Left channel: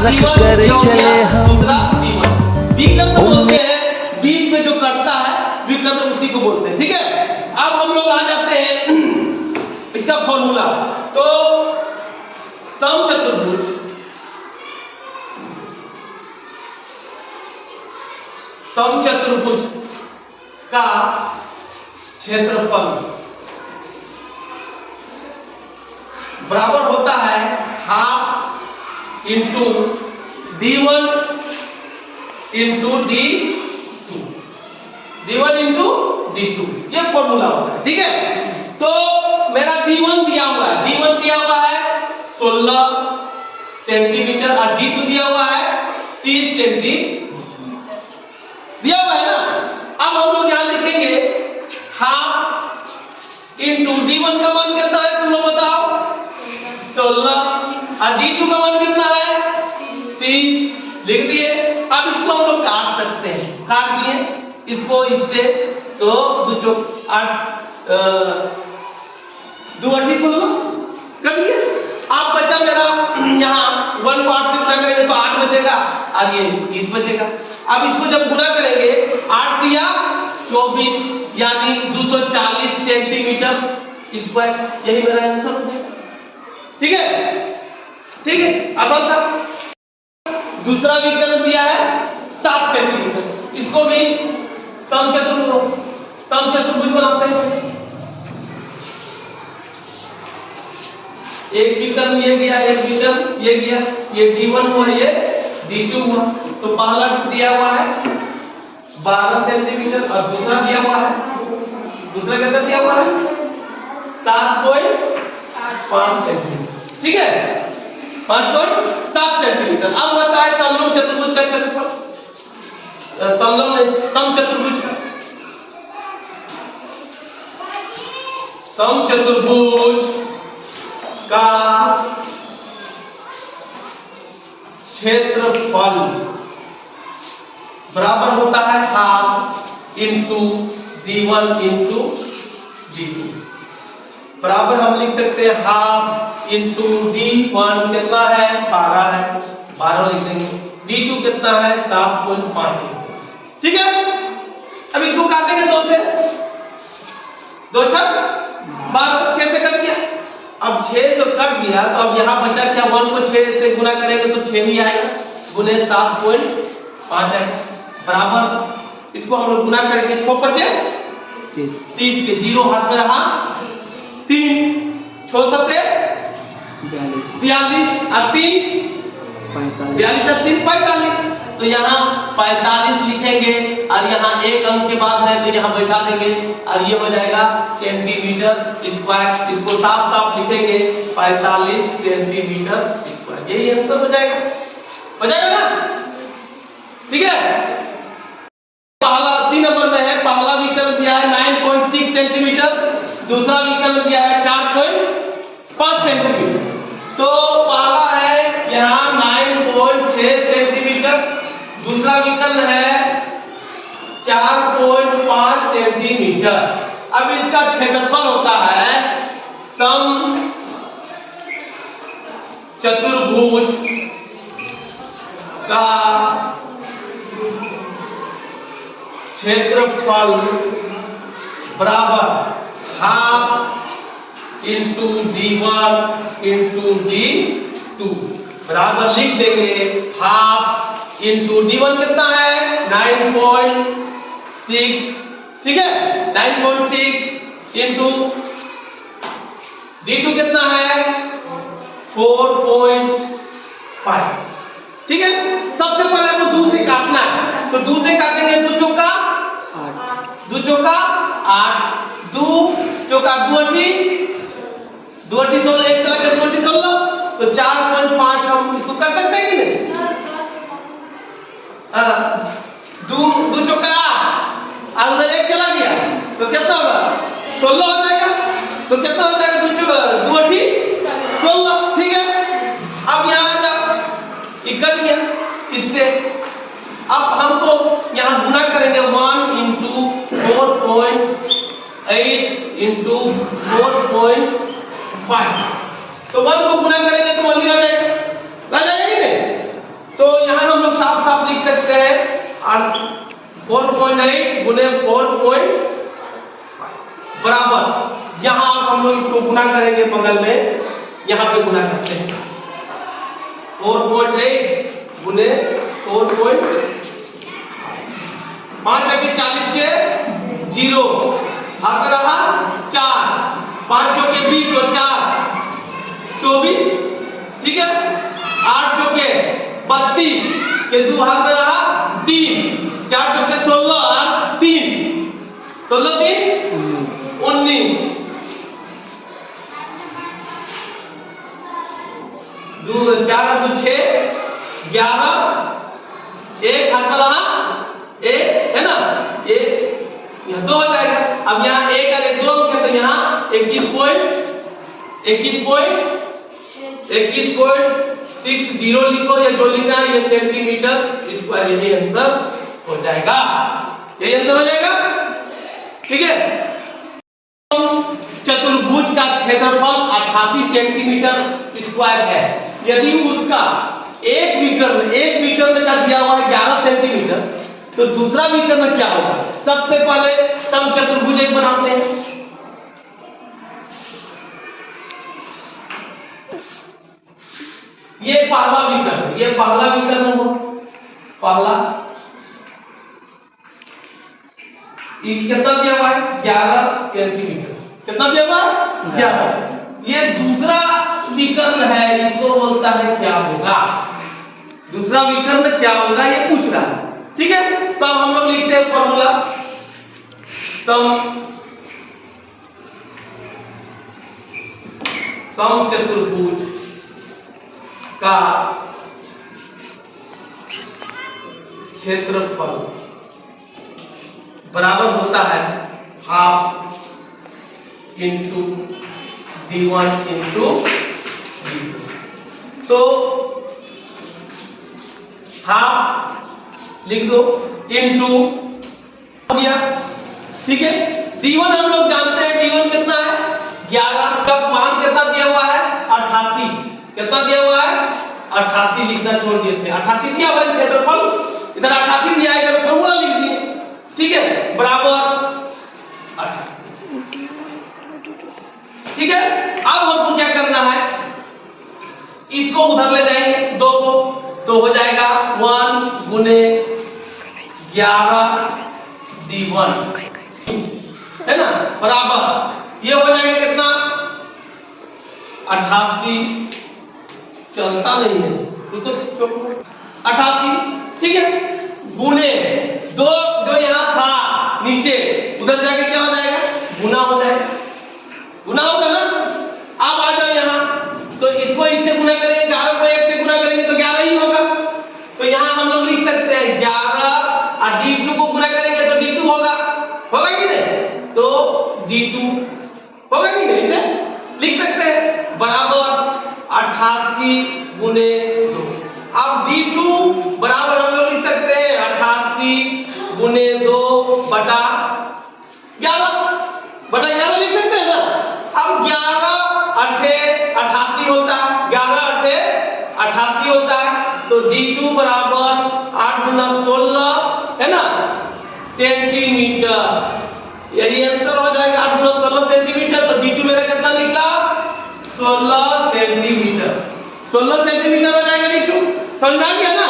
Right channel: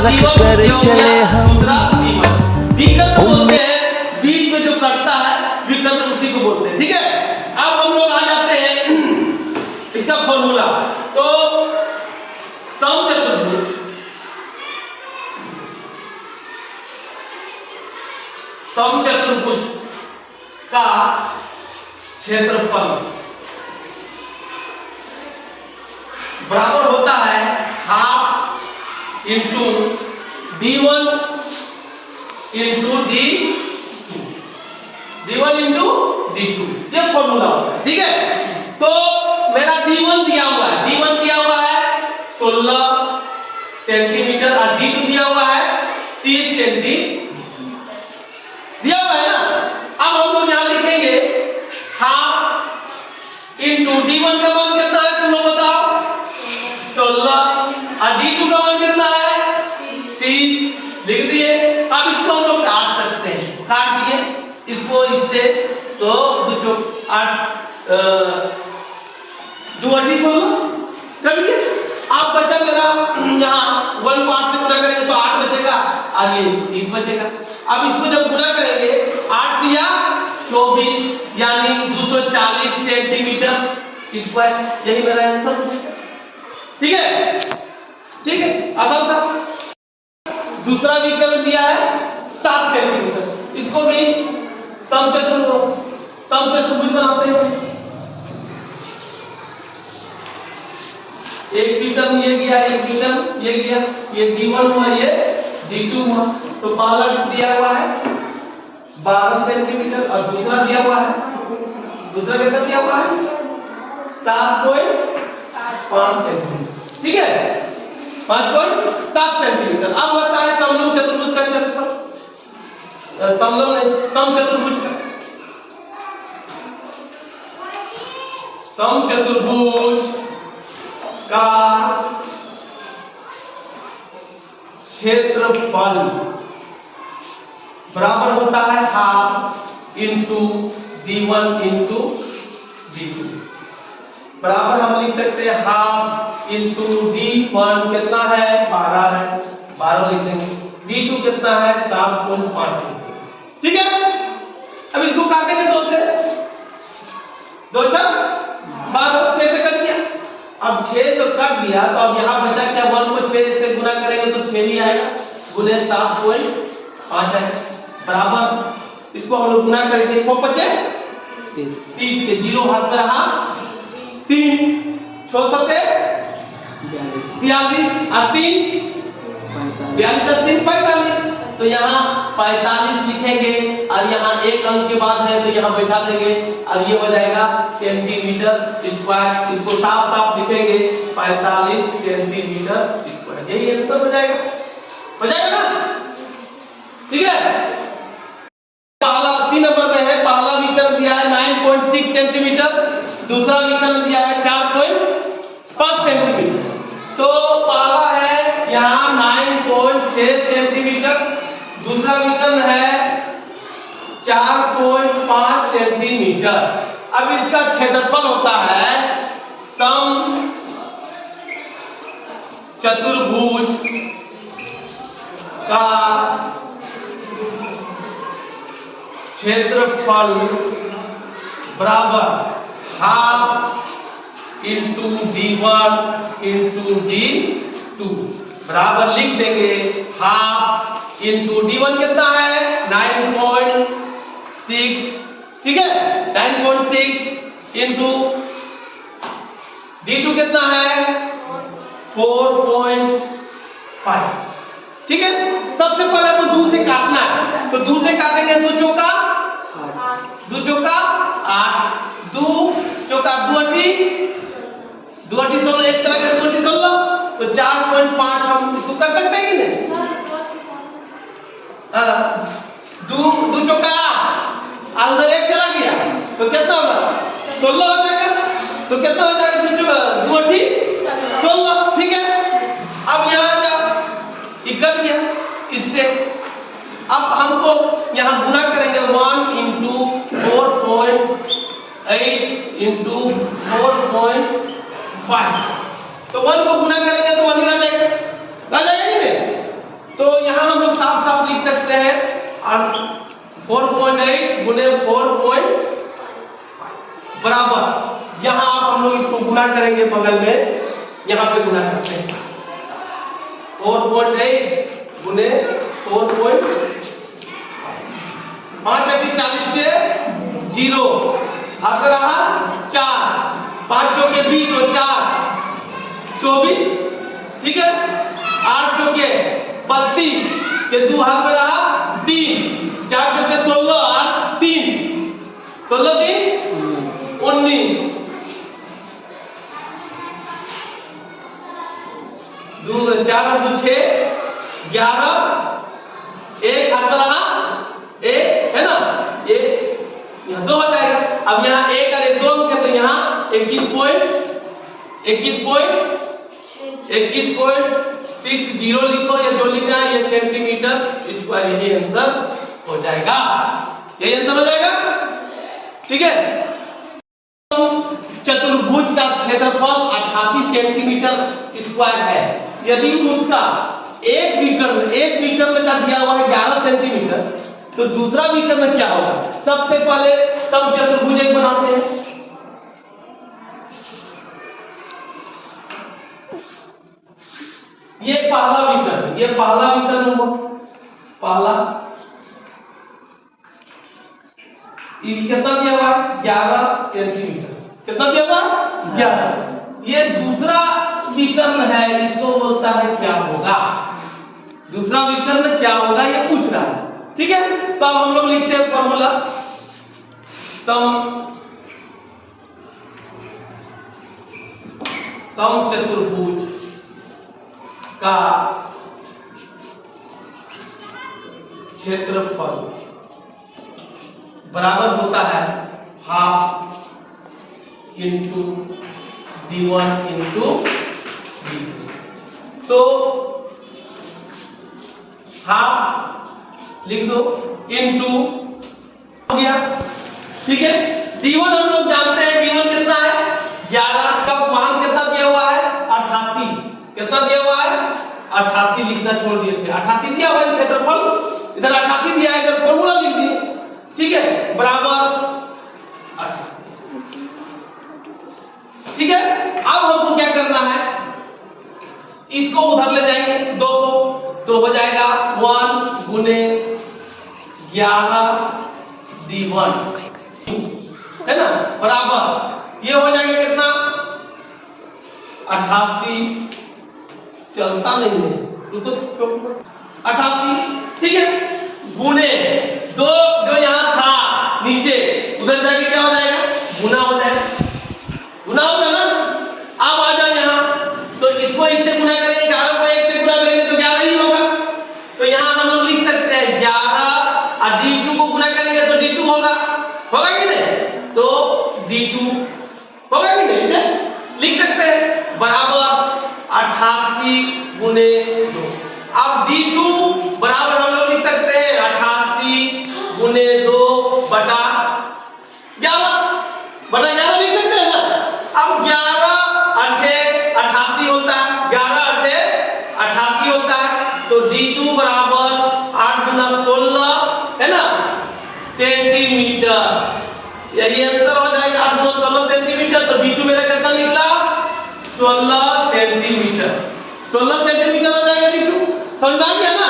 रख कर चले हम। विकल्प बोलते हैं बीच में जो कटता है विकल्प उसी को बोलते हैं। ठीक है, अब हम लोग आ जाते हैं इसका फॉर्मूला। तो समचतुर्भुज का क्षेत्रफल बराबर होता है half into d1 into d2, d1 into d2, ये फॉर्मूला होता है। ठीक है, तो मेरा d1 दिया हुआ है, d1 दिया हुआ है 16 सेंटीमीटर और d2 दिया हुआ है 30 सेंटीमीटर दिया हुआ है ना। अब हम लोग यहां लिखेंगे हाफ इंटू d1 का मान कितना है तुम लोग बताओ, 16 और d2 का मान कितना है 30 लिख दिए। अब इसको हम लोग काट सकते हैं, काट दिए इसको इससे, तो 2 8 2 8 16 कर दिए। अब बचा मेरा यहाँ 1 को 8 से गुना करेंगे तो 8 बचेगा और ये 30 बचेगा। अब इसको जब गुना करेंगे 8 दिया 24 यानी 240 सेंटीमीटर स्क्वायर, यही मेरा आंसर हो जाएगा। ठीक है, ठीक है, आसान था। दूसरा विकल्प दिया है 7 सेंटीमीटर, इसको भी समचतुर्भुज बनाते हैं। एक विकल्प ये गया, एक विकल्प ये गया, ये d1 हुआ, ये d2 हुआ। तो पहला दिया हुआ है 12 सेंटीमीटर और दूसरा दिया हुआ है, दूसरा कितना दिया हुआ है 7.5 सेंटीमीटर। ठीक है, 5.7 सेंटीमीटर। अब होता है समलंब चतुर्भुज का क्षेत्रफल, समचतुर्भुज का, समचतुर्भुज का क्षेत्रफल बराबर होता है half into d1 into d2। बराबर हम लिख सकते हैं हाफ इंटू d1 कितना है 12 है, 12 लिख देंगे, d2 कितना है 7.5। ठीक है, अब इसको काटेंगे 2 से, 2 छक 12, 6 से कट गया। अब 6 से कट गया तो अब यहां बचा क्या, 1 को 6 से गुना करेंगे तो 6 ही आएगा, गुने 7.5 आएगा। बराबर इसको हम लोग गुना करेंगे 6 बचे 30 के 0 हाथ में रहा 3, 6 सते 42 और 3 42 और 3 45। तो यहाँ 45 लिखेंगे और यहाँ एक अंक के बाद है तो यहाँ बैठा देंगे और ये हो जाएगा सेंटीमीटर स्क्वायर। इसको साफ साफ लिखेंगे 45 सेंटीमीटर स्क्वायर, यही आंसर हो जाएगा ना। ठीक है, पहला 80 नंबर में है, पहला विकल्प दिया है 9.6 सेंटीमीटर, दूसरा विकल्प दिया है 4.5 सेंटीमीटर। तो पहला है यहाँ 9.6 सेंटीमीटर, दूसरा विकल्प है 4.5 सेंटीमीटर। अब इसका क्षेत्रफल होता है समचतुर्भुज का क्षेत्रफल बराबर half into d1 into d2। बराबर लिख देंगे हाफ इंटू d1 कितना है 9.6, ठीक है 9.6 इंटू d2 कितना है 4.5। ठीक है, सबसे पहले आपको 2 से काटना है, तो 2 से काटेंगे 2 चौका 8, 2 चौका 2 अठी 16, एक चला गया 2 अठी 16, तो 4.5 हम इसको कर सकते हैं कि नहीं। 2 चौका 8 और उधर एक चला गया तो कितना होगा 16 हो जाएगा। तो कितना हो जाएगा 2 अठी 16। ठीक है, अब यहाँ आ जाओ, कट गया इससे। अब हमको यहाँ गुना करेंगे 1 इंटू 4.8 इंटू 4.5। तो 1 को गुना करेंगे तो 1 ही रह जाएगा कि नहीं। तो यहाँ हम लोग साफ साफ लिख सकते हैं 4.8 गुने 4.5 बराबर, यहाँ आप हम लोग इसको गुना करेंगे बगल में, यहाँ पे गुना करते हैं 4.8 गुने 4.5, 5 40 के 0 हाथ में रहा 4, 5 चौके 20 और 4 24, ठीक है। 8 चौके 32 के 2 हाथ में रहा 3, 4 चौके 16 और 3 16 3 19, 2 4 और 2 6 11, 1 हाथ में रहा 1 है ना, 1 यहाँ 2 हो जाएगा। अब यहाँ 1 और 1 2 अंक है तो यहाँ 21.60 लिखो या जो लिखना है, ये सेंटीमीटर स्क्वायर, यही आंसर हो जाएगा, यही आंसर हो जाएगा, ठीक है। चतुर्भुज का क्षेत्रफल 88 सेंटीमीटर स्क्वायर है। यदि उसका एक विकर्ण का दिया हुआ है 11 सेंटीमीटर, तो दूसरा विकर्ण क्या होगा? सबसे पहले समचतुर्भुज एक बनाते हैं। ये पहला विकर्ण हो, पहला ये कितना दिया हुआ है 11 सेंटीमीटर, कितना दिया हुआ 11। ये दूसरा विकर्ण है, इसको बोलता है क्या होगा, दूसरा विकर्ण क्या होगा ये पूछ रहा है, ठीक है। तो अब हम लोग लिखते हैं फॉर्मूला, समचतुर्भुज का क्षेत्रफल बराबर होता है half into d1 into d2। तो हाफ लिख दो इंटू हो गया, ठीक है। d1 हम लोग जानते हैं, d1 कितना है 11, कब मान कितना दिया हुआ है 88, कितना दिया हुआ है 88 लिखना छोड़ दिए थे, 88 दिया हुआ है क्षेत्रफल, इधर 88 दिया है, इधर फॉर्मूला लिख दिए, ठीक है, बराबर 88, ठीक है। अब हमको क्या करना है, इसको उधर ले जाएंगे 2 को, तो हो जाएगा 1 गुने 11 d1 है ना, बराबर ये हो जाएगा कितना 88, चलता नहीं है, रुको 88, ठीक है, गुने 2 जो यहाँ था नीचे उधर जाके क्या हो जाएगा गुना हो जाएगा, गुना होगा ना। अब आ जाओ यहाँ, तो इसको इससे गुना करेंगे, 11 को 1 से गुना करेंगे तो 11 ही होगा। तो यहाँ हम लोग लिख सकते हैं 11 और d2 को गुना करेंगे तो d2 होगा कि नहीं, तो d2 होगा कि नहीं, इसे लिख सकते हैं बराबर 88 गुने 2। अब d2 बराबर हम लोग लिख सकते हैं 88 गुने 2 बटा 11 लिख सकते हैं ना। अब 11 8 88 होता है, 11 8 88 होता है, तो d2 बराबर 8 गुना 16 है ना सेंटीमीटर, यही आंसर हो जाएगा 8 गुना 16 सेंटीमीटर। तो d2 मेरा कितना निकला 16 सेंटीमीटर, 16 सेंटीमीटर हो जाएगा d2, समझ में आ गया ना।